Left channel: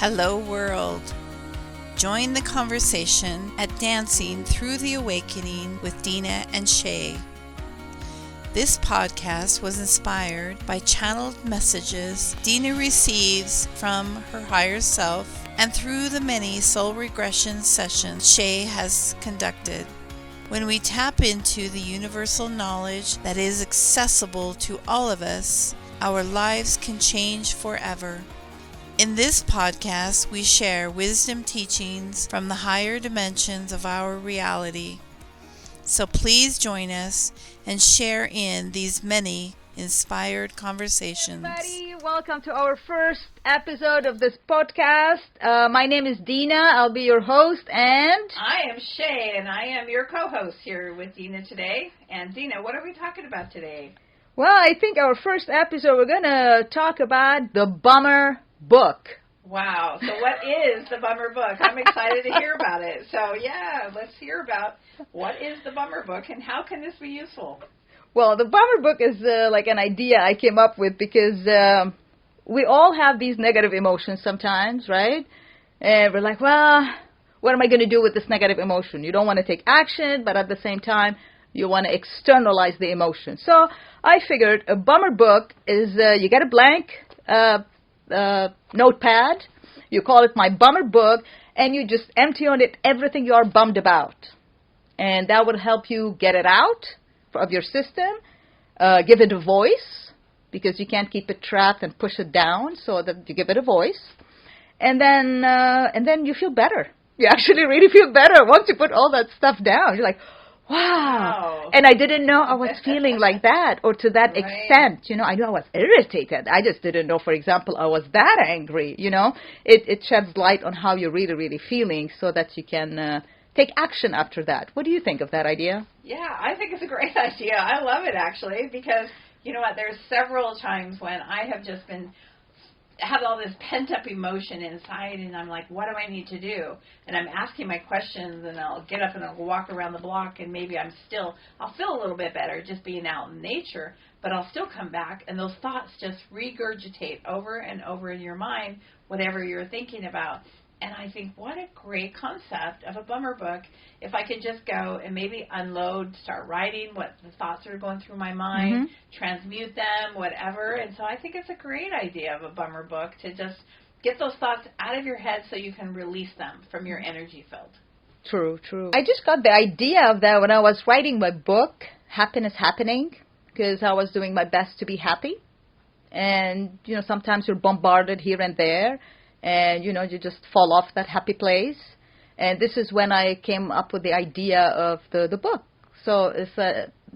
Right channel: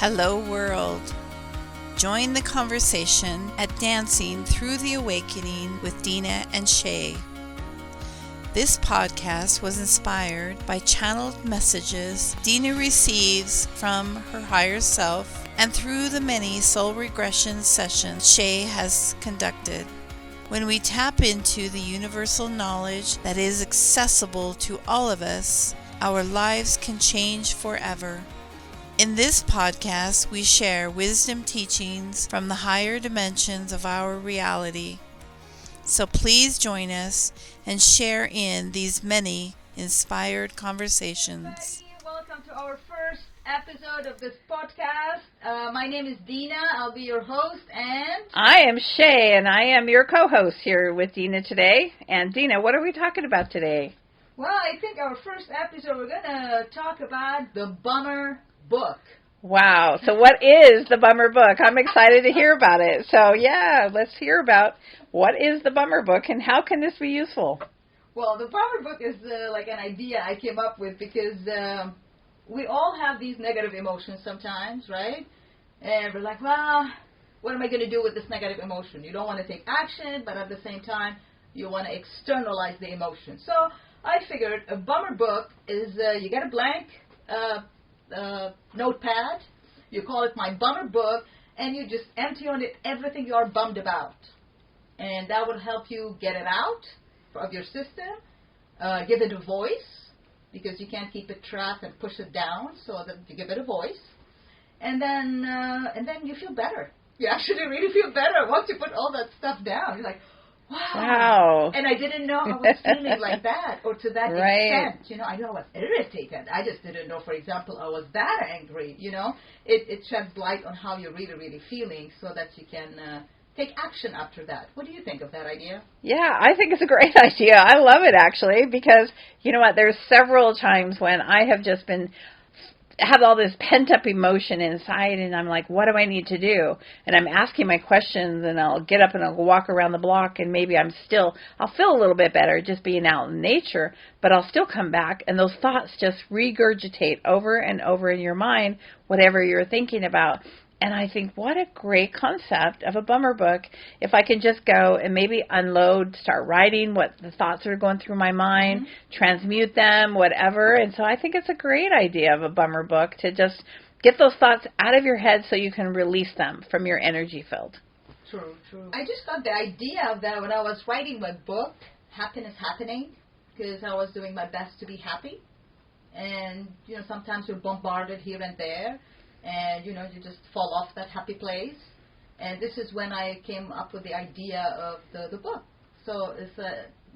Hello world. Join the conversation at Dancing Through the Awakening with Dena and Shay. This podcast was inspired by channeled messages Dena receives from her higher self and through the many soul regression sessions Shay has conducted. When we tap into the universal knowledge that is accessible to all of us, our lives can change forever. In this podcast, we share wisdom teachings from the higher dimensions of our reality. So please join us and share in these many inspired conversations. Everybody, welcome to our first episode of this podcast. My name is Dena. I'll be your host, and I am Shay, and I am your co-host here with Dena today. And Dena, what are we talking about today? Well, I think our first episode, we're going to talk about the Bummer Book. Wow. So what is the Bummer Book? I'm excited to hear about it. So yeah, let's hear about what is the Bummer Book and how can this be useful? Well, the Bummer Book is like an idea I came up with because we all have these negative emotions sometimes, right? And we're like, well, what am I going to do with this negative emotion? You don't want to take action, but at the same time, you want to externalize the emotion. So I figured a Bummer Book is you get a blank notepad, you call it my Bummer Book, and you just empty on it everything you're bummed about. And that would help you get it out of your system, give it a voice, because you can't keep it trapped and push it down, so that you give it a voice. And then you feel better. You actually really feel better once you put all that stuff down. You're like, wow. And I didn't know I was feeling like that or to that extent. You know, I knew I was irritated. I just didn't know, for example, I was that angry. You know, it sheds light on how you're really, really feeling so that you can take action after that. What do you think of that idea? Yeah, I think it's a great idea. I love it, actually, because, you know what, there's several times when I have just have all this pent-up emotion inside, and I'm like, what do I need to do? And I'm asking my questions, and I'll get up and I'll walk around the block, and maybe I'll feel a little bit better just being out in nature, but I'll still come back, and those thoughts just regurgitate over and over in your mind, whatever you're thinking about. And I think, what a great concept of a Bummer Book. If I can just go and maybe unload, start writing what the thoughts are going through my mind, transmute them, whatever. And so I think it's a great idea of a Bummer Book to just get those thoughts out of your head so you can release them from your energy field. True. I just got the idea of that when I was writing my book, Happiness Happening, because I was doing my best to be happy. And, you know, sometimes you're bombarded here and there. And, you know, you just fall off that happy place. And this is when I came up with the idea of the book. So, it's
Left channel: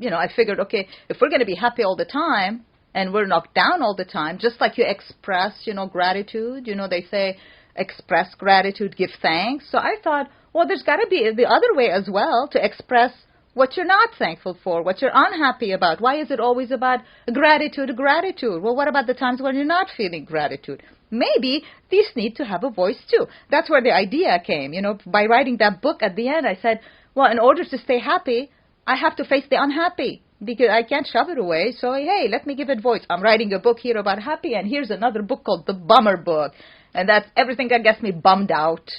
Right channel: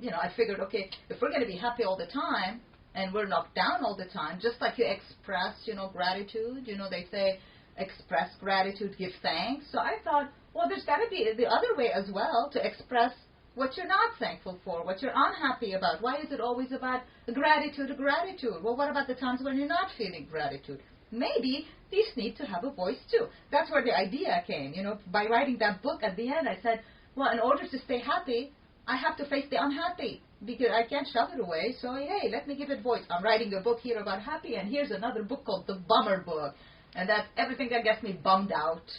you know, I figured, okay, if we're going to be happy all the time and we're knocked down all the time, just like you express, you know, gratitude, you know, they say express gratitude, give thanks. So I thought, well, there's got to be the other way as well to express what you're not thankful for, what you're unhappy about. Why is it always about gratitude? Well, what about the times when you're not feeling gratitude? Maybe these need to have a voice too. That's where the idea came. You know, by writing that book at the end, I said, well, in order to stay happy, I have to face the unhappy because I can't shove it away. So, hey, let me give it voice. I'm writing a book here about happy, and here's another book called The Bummer Book. And that's everything that gets me bummed out.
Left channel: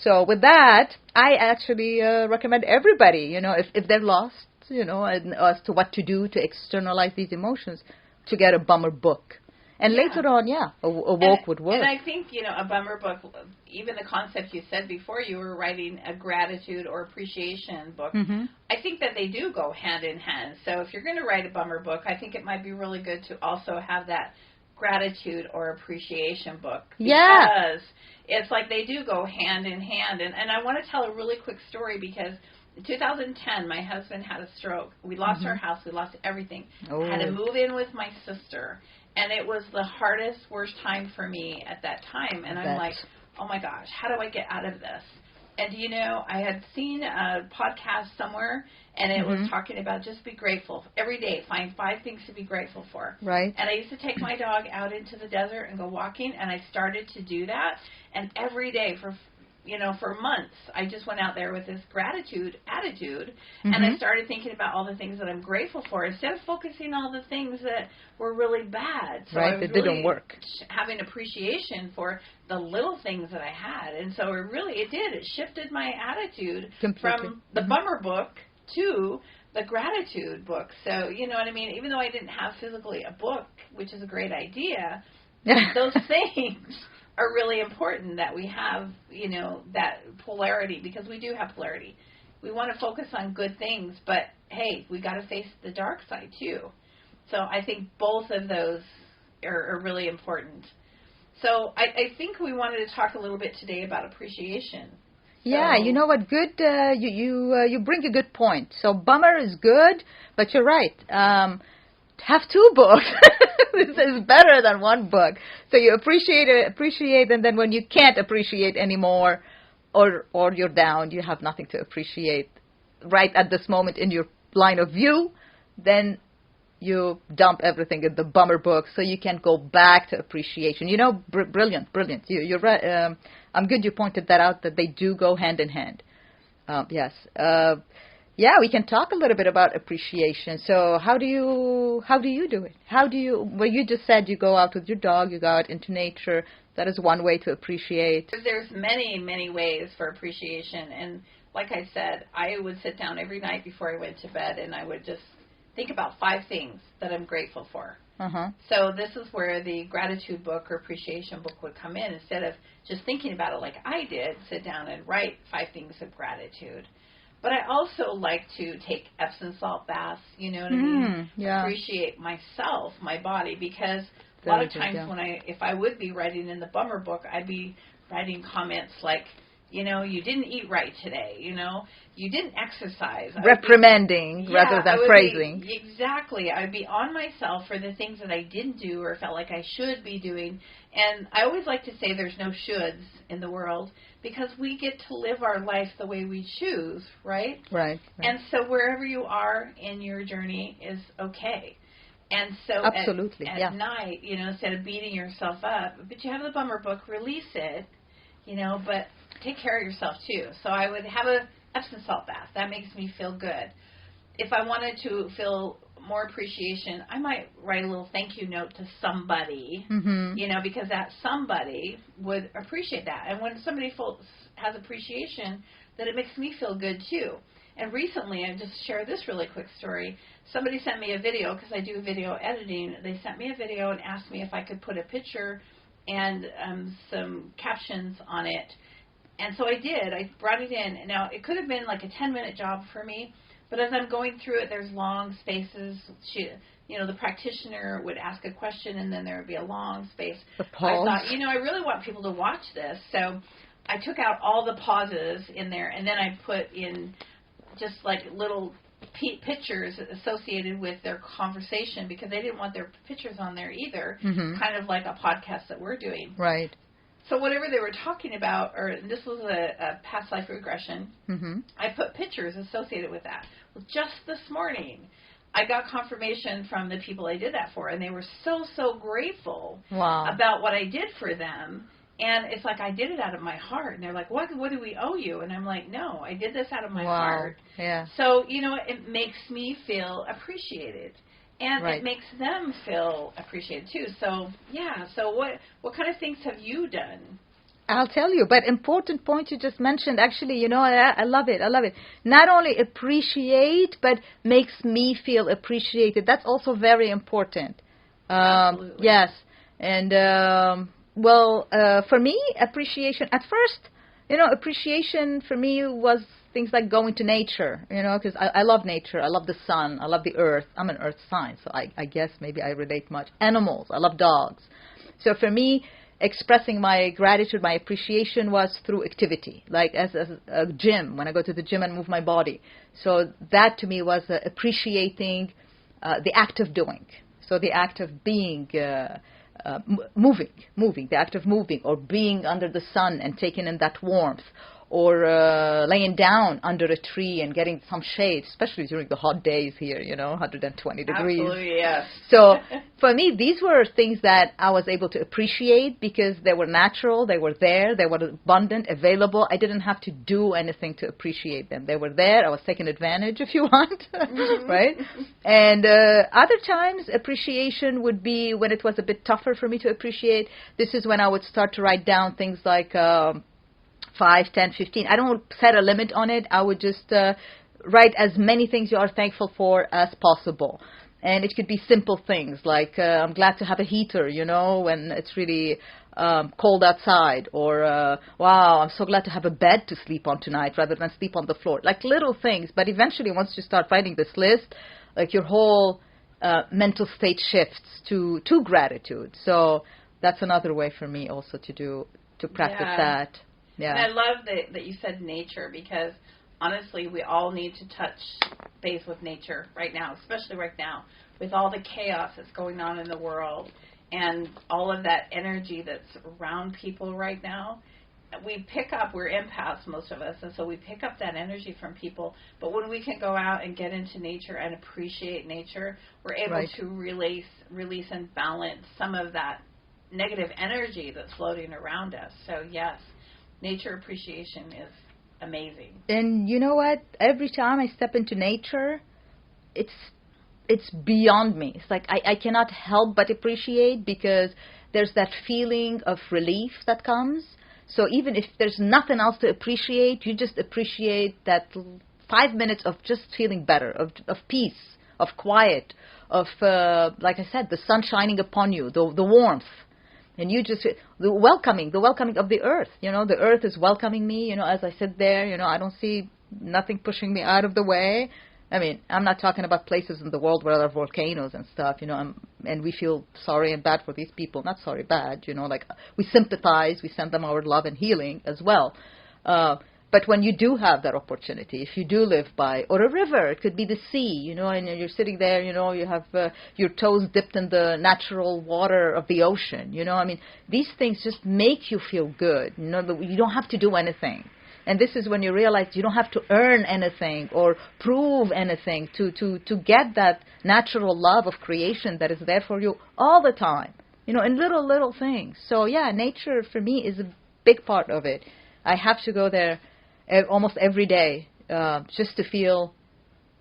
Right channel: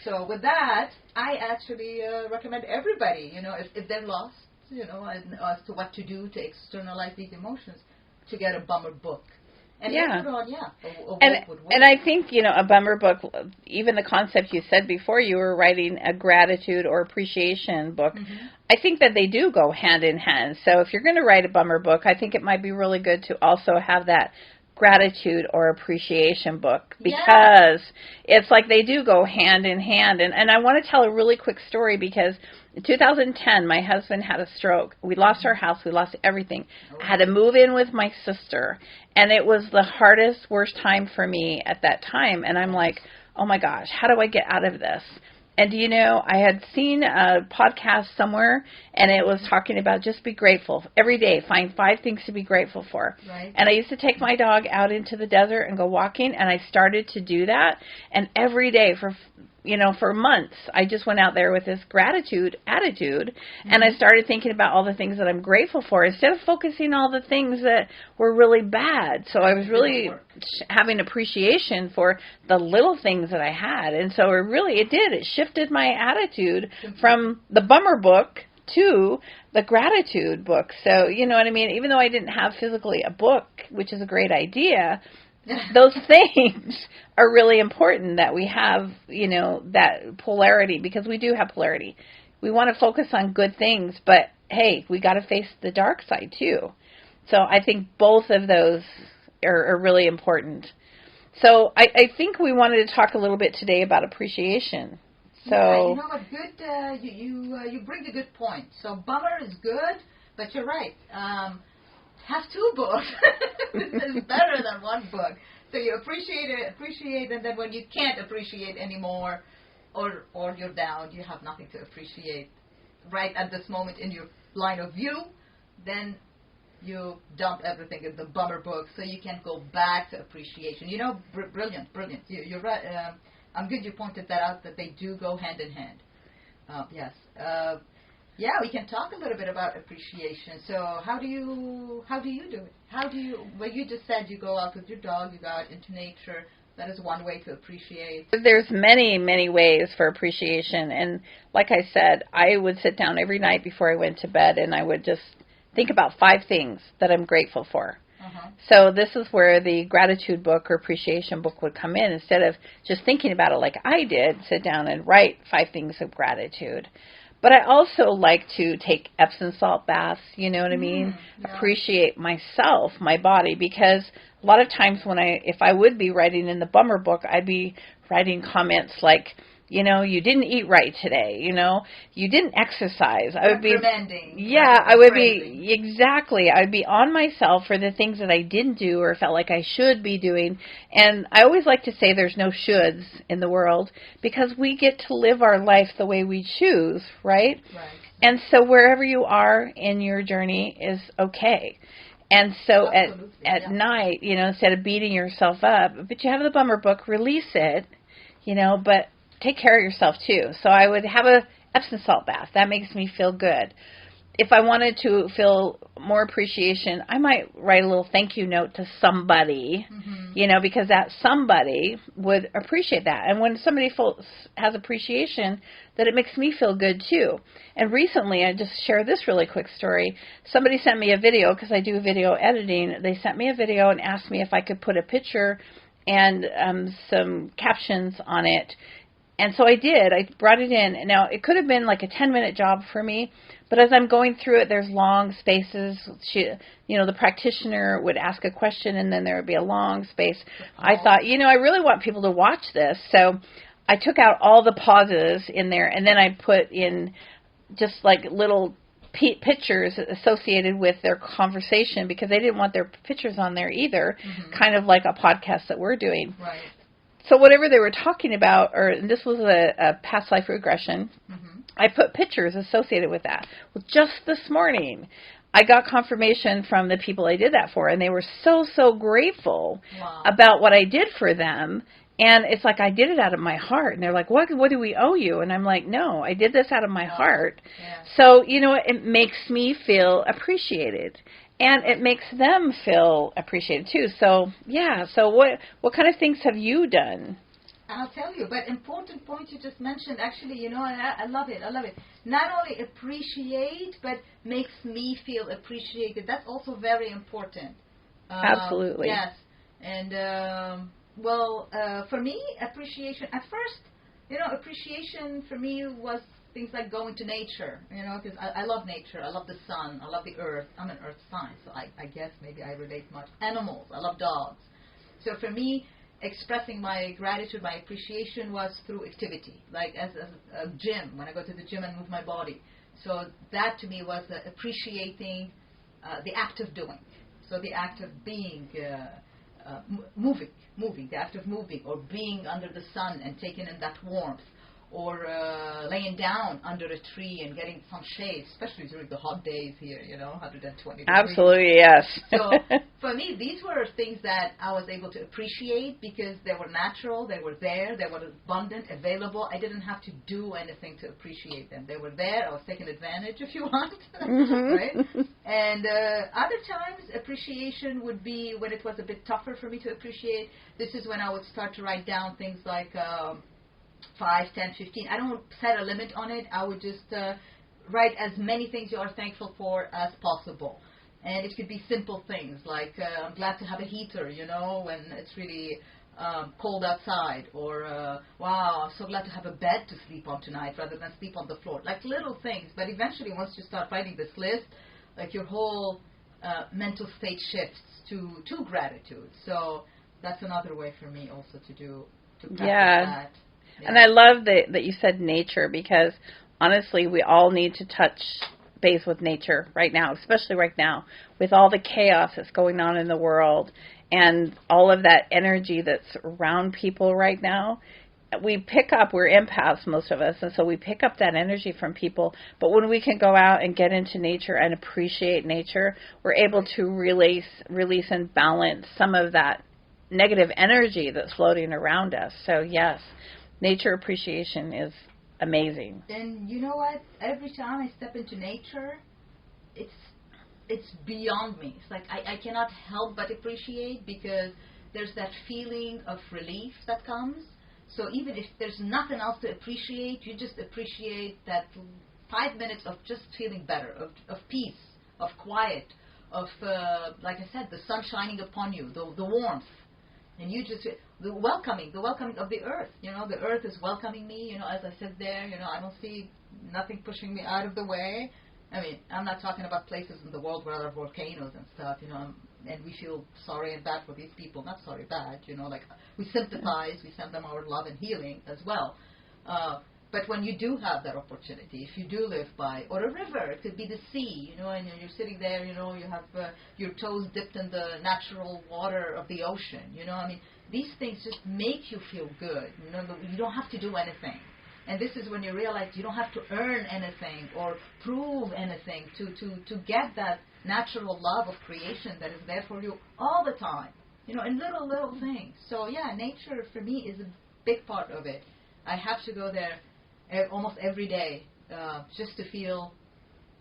So with that, I actually recommend everybody, you know, if they're lost, you know, as to what to do to externalize these emotions, to get a Bummer Book. And later on, a book would work. And I think, you know, a Bummer Book, even the concept you said before, you were writing a gratitude or appreciation book. I think that they do go hand in hand. So if you're going to write a Bummer Book, I think it might be really good to also have that gratitude or appreciation book, because it's like they do go hand in hand. And I want to tell a really quick story because in 2010, my husband had a stroke. We lost our house. We lost everything. I had to move in with my sister. And it was the hardest, worst time for me at that time. And I'm like, oh, my gosh, how do I get out of this? And, you know, I had seen a podcast somewhere, and it was talking about just be grateful. Every day, find 5 things to be grateful for. Right. And I used to take my dog out into the desert and go walking, and I started to do that. And every day for for months, I just went out there with this gratitude attitude, and I started thinking about all the things that I'm grateful for instead of focusing on all the things that were really bad. So I was really having appreciation for the little things that I had. And so it shifted my attitude from the bummer book to the gratitude book. So, you know what I mean? Even though I didn't have physically a book, which is a great idea, those things are really important that we have, that polarity, because we do have polarity. We want to focus on good things, but hey, we got to face the dark side too. So I think both of those are really important. So I think we wanted to talk a little bit today about appreciation. So, yeah, you know what? Good. You bring a good point. So bummer is good, but you're right. Have two books. This is better than one book. So you appreciate, and then when you can't appreciate anymore, or you're down, you have nothing to appreciate right at this moment in your line of view, then you dump everything in the bummer book so you can go back to appreciation. Brilliant. You're right. I'm good you pointed that out, that they do go hand in hand. Yes. Yeah, we can talk a little bit about appreciation. So how do you do it? Well, you just said you go out with your dog, you go out into nature. That is one way to appreciate. There's many, many ways for appreciation. And like I said, I would sit down every night before I went to bed, and I would just think about 5 things that I'm grateful for. So this is where the gratitude book or appreciation book would come in. Instead of just thinking about it like I did, sit down and write 5 things of gratitude. But I also like to take Epsom salt baths, you know what I mean? Yeah. Appreciate myself, my body, because a lot of times if I would be writing in the bummer book, I'd be writing comments like, you didn't eat right today, you didn't exercise. Reprimanding. I would praising. Exactly. I would be on myself for the things that I didn't do or felt like I should be doing. And I always like to say there's no shoulds in the world, because we get to live our life the way we choose, right? Right. And so wherever you are in your journey is okay. And so at night, instead of beating yourself up, but you have the bummer book, release it, but take care of yourself too. So I would have a Epsom salt bath. That makes me feel good. If I wanted to feel more appreciation, I might write a little thank you note to somebody, because that somebody would appreciate that. And when somebody has appreciation, that it makes me feel good too. And recently, I just share this really quick story. Somebody sent me a video, because I do video editing. They sent me a video and asked me if I could put a picture and some captions on it. And so I did. I brought it in. Now, it could have been like a 10-minute job for me, but as I'm going through it, there's long spaces. The practitioner would ask a question, and then there would be a long space. I thought, I really want people to watch this. So I took out all the pauses in there, and then I put in just like little pictures associated with their conversation, because they didn't want their pictures on there either, kind of like a podcast that we're doing. Right. So whatever they were talking about, this was a past life regression, I put pictures associated with that. Well, just this morning, I got confirmation from the people I did that for, and they were so, so grateful about what I did for them. And it's like I did it out of my heart. And they're like, what do we owe you? And I'm like, no, I did this out of my heart. Yeah. So, it makes me feel appreciated. And it makes them feel appreciated too. So, yeah. So what kind of things have you done? I'll tell you. But important point you just mentioned. Actually, I love it. Not only appreciate, but makes me feel appreciated. That's also very important. Absolutely. Yes. And, for me, appreciation, at first, appreciation for me was things like going to nature, because I love nature. I love the sun. I love the earth. I'm an earth sign, so I guess maybe I relate much. Animals. I love dogs. So for me, expressing my gratitude, my appreciation was through activity, like as a gym, when I go to the gym and move my body. So that to me was appreciating the act of doing. So the act of being, moving, the act of moving, or being under the sun and taking in that warmth, or laying down under a tree and getting some shade, especially during the hot days here, 120 degrees. Absolutely, yes. So for me, these were things that I was able to appreciate because they were natural, they were there, they were abundant, available. I didn't have to do anything to appreciate them. They were there. I was taking advantage, if you want, right? And other times, appreciation would be when it was a bit tougher for me to appreciate. This is when I would start to write down things like 5, 10, 15. I don't set a limit on it. I would just write as many things you are thankful for as possible. And it could be simple things like I'm glad to have a heater, when it's really cold outside. Or, wow, I'm so glad to have a bed to sleep on tonight rather than sleep on the floor. Like little things. But eventually, once you start writing this list, like your whole mental state shifts to gratitude. So that's another way for me also to practice that. Yeah. And I love that you said nature, because honestly, we all need to touch base with nature right now, especially right now with all the chaos that's going on in the world and all of that energy that's around people right now. We're empaths, most of us, and so we pick up that energy from people. But when we can go out and get into nature and appreciate nature, we're able to release and balance some of that negative energy that's floating around us. So yes, nature appreciation is amazing. And you know what? Every time I step into nature, it's beyond me. It's like I cannot help but appreciate, because there's that feeling of relief that comes. So even if there's nothing else to appreciate, you just appreciate that 5 minutes of just feeling better, of peace, of quiet, of, like I said, the sun shining upon you, the warmth. And you just, the welcoming of the earth. The earth is welcoming me, as I sit there, I don't see nothing pushing me out of the way. I mean, I'm not talking about places in the world where there are volcanoes and stuff, and we feel sorry and bad for these people. Not sorry, bad, like we sympathize, we send them our love and healing as well. But when you do have that opportunity, if you do live by, or a river, it could be the sea, and you're sitting there, you have your toes dipped in the natural water of the ocean, I mean, these things just make you feel good, you don't have to do anything. And this is when you realize you don't have to earn anything or prove anything to get that natural love of creation that is there for you all the time, in little things. So yeah, nature for me is a big part of it. I have to go there almost every day just to feel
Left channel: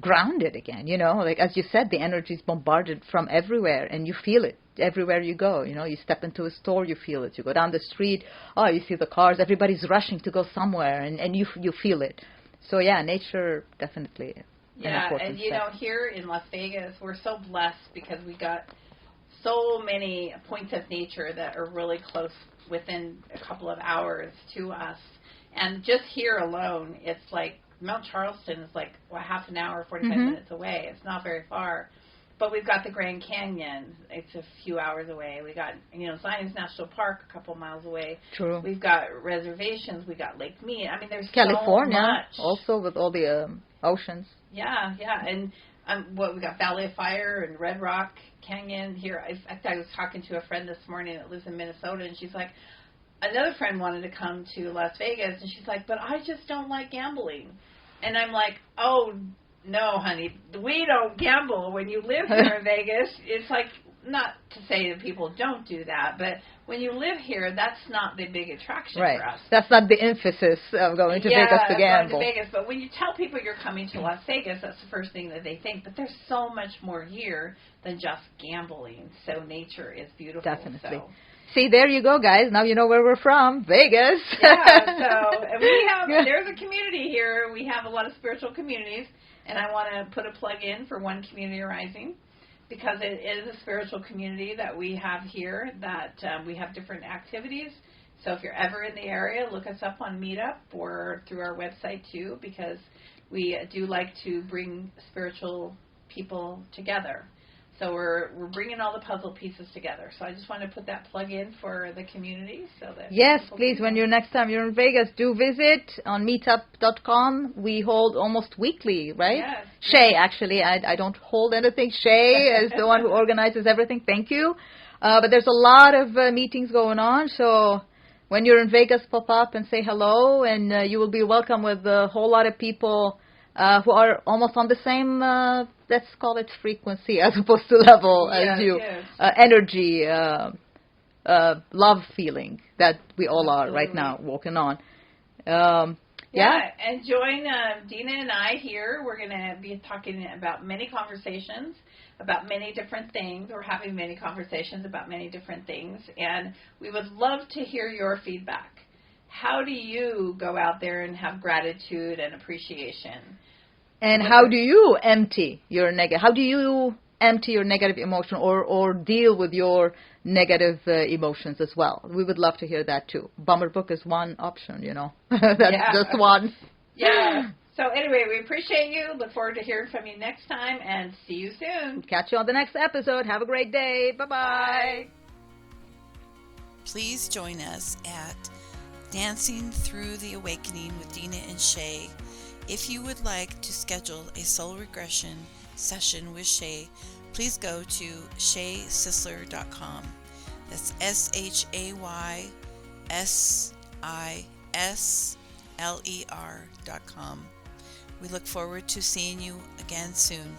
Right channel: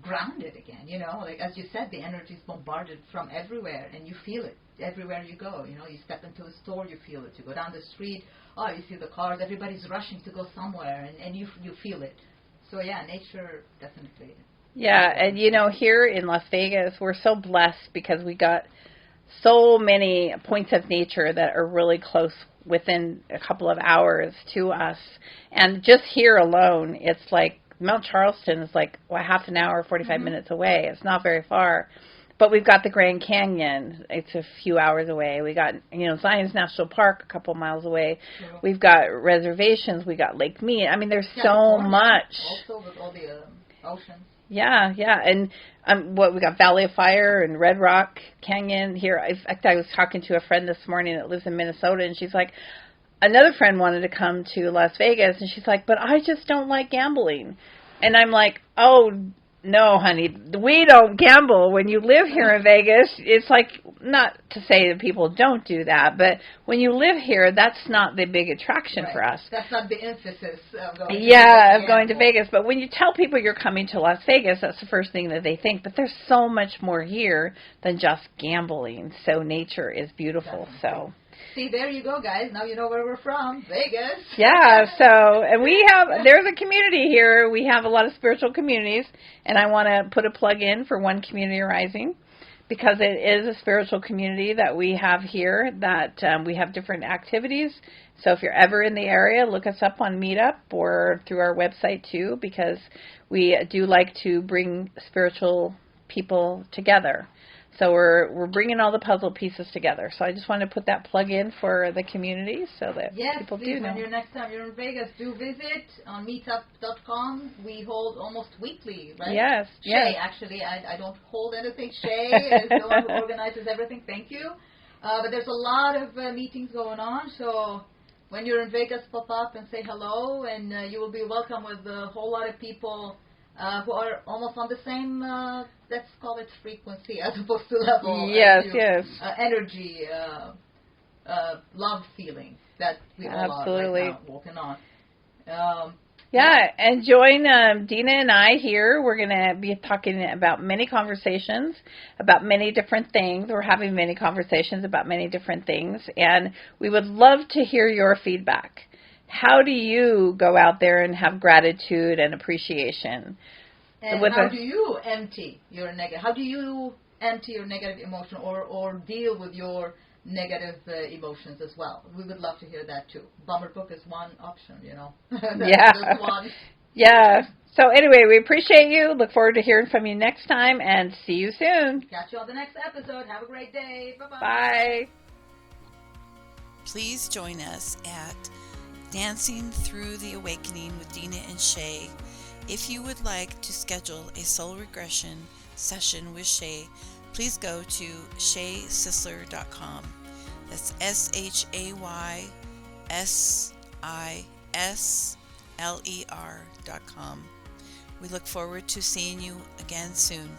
grounded again, like as you said, the energy is bombarded from everywhere and you feel it everywhere you go. You step into a store, you feel it. You go down the street, you see the cars, everybody's rushing to go somewhere, and you feel it. So yeah, nature definitely. Yeah, and here in Las Vegas, we're so blessed because we got so many points of nature that are really close, within a couple of hours to us. And just here alone, it's like Mount Charleston is like half an hour, 45 minutes away. It's not very far. But we've got the Grand Canyon. It's a few hours away. We got, Zion's National Park a couple miles away. True. We've got reservations. We got Lake Mead. I mean, there's California, so much. Also with all the oceans. Yeah. And we got Valley of Fire and Red Rock Canyon here. In fact, I was talking to a friend this morning that lives in Minnesota, and she's like, another friend wanted to come to Las Vegas, and she's like, but I just don't like gambling. And I'm like, oh, no, honey, we don't gamble. When you live here in Vegas, it's like, not to say that people don't do that, but when you live here, that's not the big attraction for us. That's not the emphasis of going to Vegas. Yeah, of going to Vegas. But when you tell people you're coming to Las Vegas, that's the first thing that they think. But there's so much more here than just gambling. So nature is beautiful. Definitely. So. See, there you go, guys. Now you know where we're from, Vegas. Yeah, so and there's a community here. We have a lot of spiritual communities, and I want to put a plug in for One Community Rising, because it is a spiritual community that we have here, that we have different activities. So if you're ever in the area, look us up on Meetup or through our website too, because we do like to bring spiritual people together. So we're bringing all the puzzle pieces together. So I just want to put that plug in for the community, so that yes, please. When next time you're in Vegas, do visit on meetup.com. We hold almost weekly, right? Yes. Shay, actually, I don't hold anything. Shay is the one who organizes everything. Thank you. But there's a lot of meetings going on, so when you're in Vegas, pop up and say hello, and you will be welcome with a whole lot of people who are almost on the same, let's call it frequency as opposed to level, Yes, as you, yes. energy, love feeling that we all Absolutely. are right now walking on. Yeah, and join Dena and I here. We're going to be talking about many conversations about many different things. We're having many conversations about many different things, and we would love to hear your feedback. How do you go out there and have gratitude and appreciation? And how do you empty your negative? How do you empty your negative emotion or deal with your negative emotions as well? We would love to hear that too. Bummer book is one option, That's just one. Yeah. So anyway, we appreciate you. Look forward to hearing from you next time, and see you soon. Catch you on the next episode. Have a great day. Bye-bye. Bye. Please join us at Dancing Through the Awakening with Dena and Shay. If you would like to schedule a soul regression session with Shay, please go to shaysisler.com. That's SHAYSISLER.com. We look forward to seeing you again soon.